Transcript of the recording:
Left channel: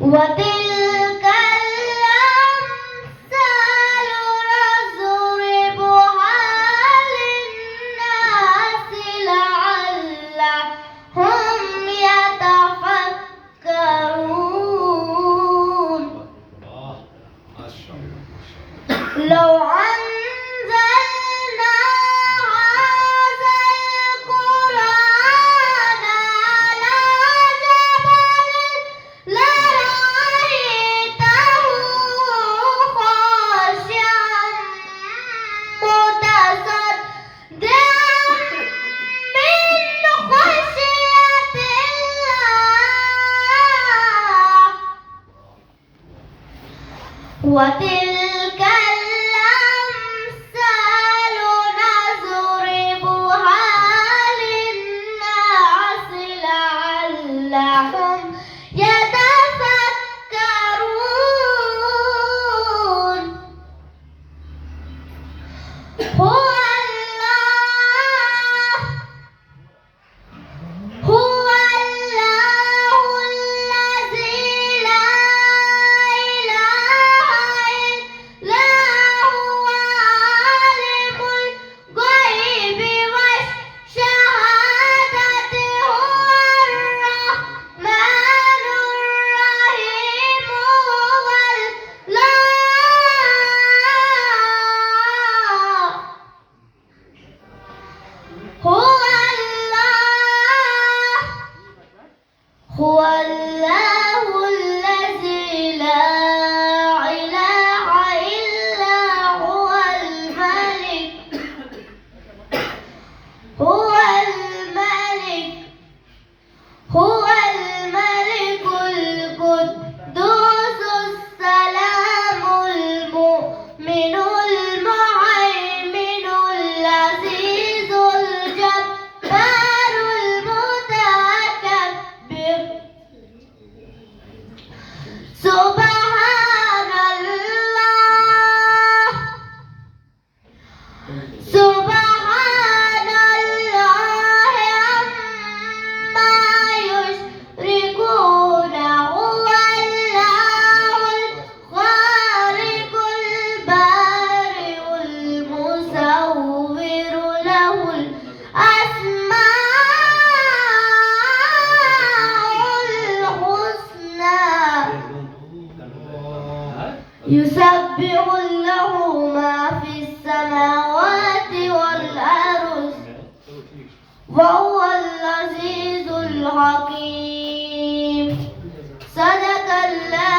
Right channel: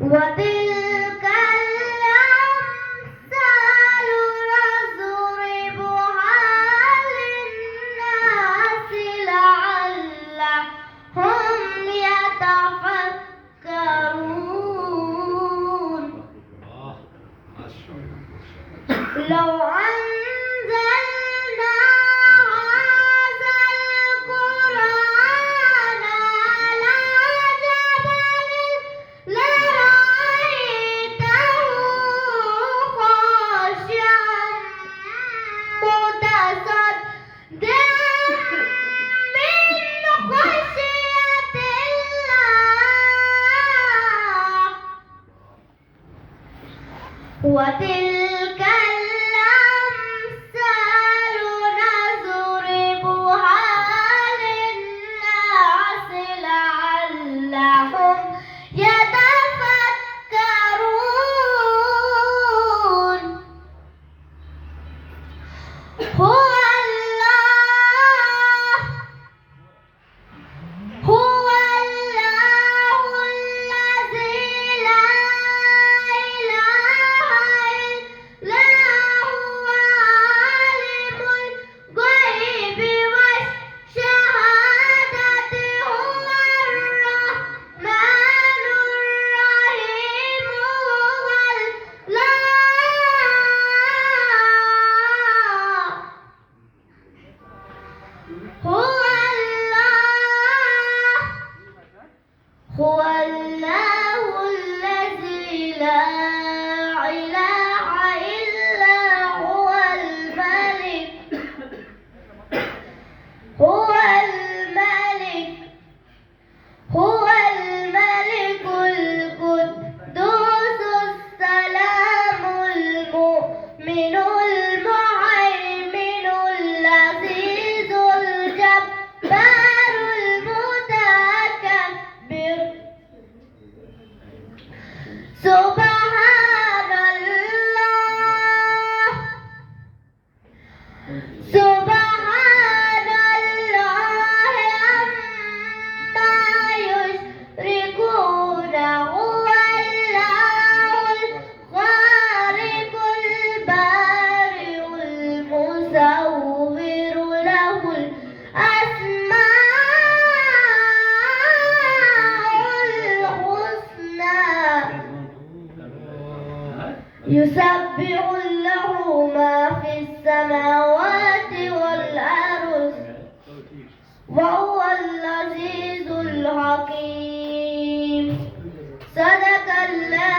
وتلك الأمثال نضربها للناس لعلهم يتفكرون. لو أنزلنا هذا القرآن على جبل لرأيته خاشعا متصدعا من خشية الله. وتلك الأمثال نضربها للناس لعلهم يتفكرون. هو الله الذي لا إله إلا هو عالم الغيب والشهادة هو الرحمن الرحيم. هو الله الذي لا إله إلا هو الملك. هو الملك القدوس السلام المؤمن المهيمن العزيز الجبار المتكبر. سبحان الله. سبحان الله عما يشركون. هو الله الخالق البارئ المصور له الأسماء الحسنى. يسبح له ما في السماوات والأرض وهو العزيز الحكيم. صدق الله.